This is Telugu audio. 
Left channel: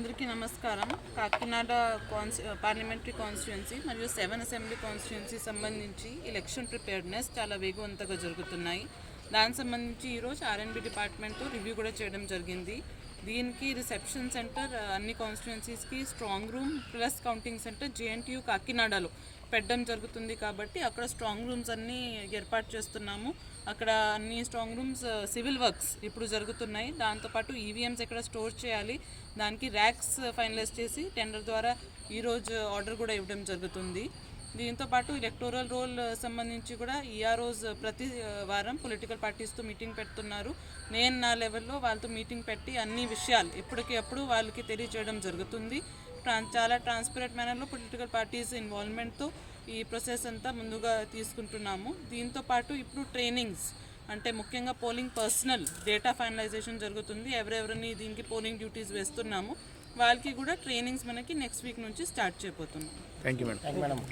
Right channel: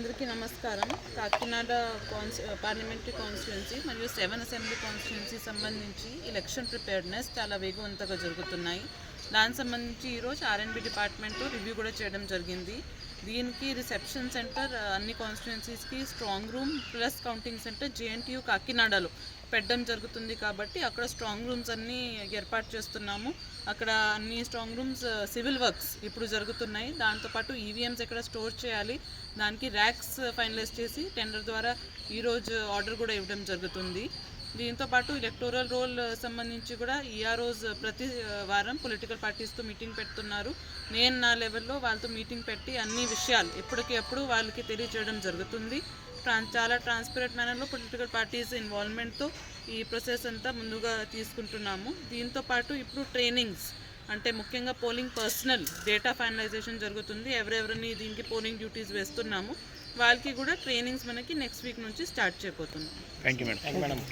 అందరికీ నమస్కారం. కాకినాడ పార్లమెంటరీ కాన్స్టిట్యున్సీ మరియు 7 అసెంబ్లీ కాన్స్టిట్యున్సీ సంబంధించి ఎలక్షన్ ప్రిపేర్డ్నెస్ చాలా వేగవంతంగా జరుగుతున్నాయి. దానికి సంబంధించి ఈరోజు ఆర్ఎండ్బి డిపార్ట్మెంట్ రివ్యూ కూడా చేయడం జరిగింది. దీనికి రిసెప్షన్ సెంటర్ అన్ని కాన్స్టిట్యున్సీస్కి, strong room plus counting center JNTU కాకినాడలో పెట్టడం జరుగుతుంది. కాబట్టి అక్కడ స్ట్రాంగ్ రూమ్స్ అన్నీ ఏర్పాటు చేస్తున్నాము. అక్కడ అన్ని స్ట్రాంగ్ రూమ్స్ సివిల్ వర్క్స్ ఇప్పుడు జరుగుతున్నాయి. దాంతోపాటు ఈవీఎంస్ ఎక్కడ స్టోర్ చేయాలి, దానికి ర్యాక్స్ ఫైనలైజ్ చేసి టెండర్ ద్వారా ఈరోజు ఆర్డర్ కూడా ఇవ్వడం జరుగుతుంది. దీంతోపాటు ఎలక్టోరల్ రోల్ సంబంధించి కూడా ఈఆర్ఓస్ ప్రతి వారం పొలిటికల్ పార్టీస్తో మీటింగ్ పెడుతున్నారు. నేను నా లెవెల్లో వాళ్ళతో మీటింగ్ పెట్టి అన్ని విషయాలు ఎప్పటికప్పుడు వాళ్ళకి తెలియజేయడం జరుగుతుంది. చాలా ట్రాన్స్పరెంట్ మేనర్లో పొలిటికల్ పార్టీస్ ఇన్వాల్వ్మెంట్తో ఈ ప్రాసెస్ అంతా ముందుగా తీసుకుంటున్నాము. దీంతోపాటు ఇప్పుడు ట్రైనింగ్స్ అంటే ముఖ్యంగా పోలింగ్ పర్సనల్ డేటా ఫైనలైజేషన్ జరుగుతుంది. ఎవరెవరిని దీనికి పోలింగ్ డ్యూటీస్ వేస్తున్నాము వాళ్ళకి కూడా ట్రైనింగ్స్ మనకి నెక్స్ట్ వీక్ నుంచి స్టార్ట్ చేయబోతున్నాం. Thank you madam.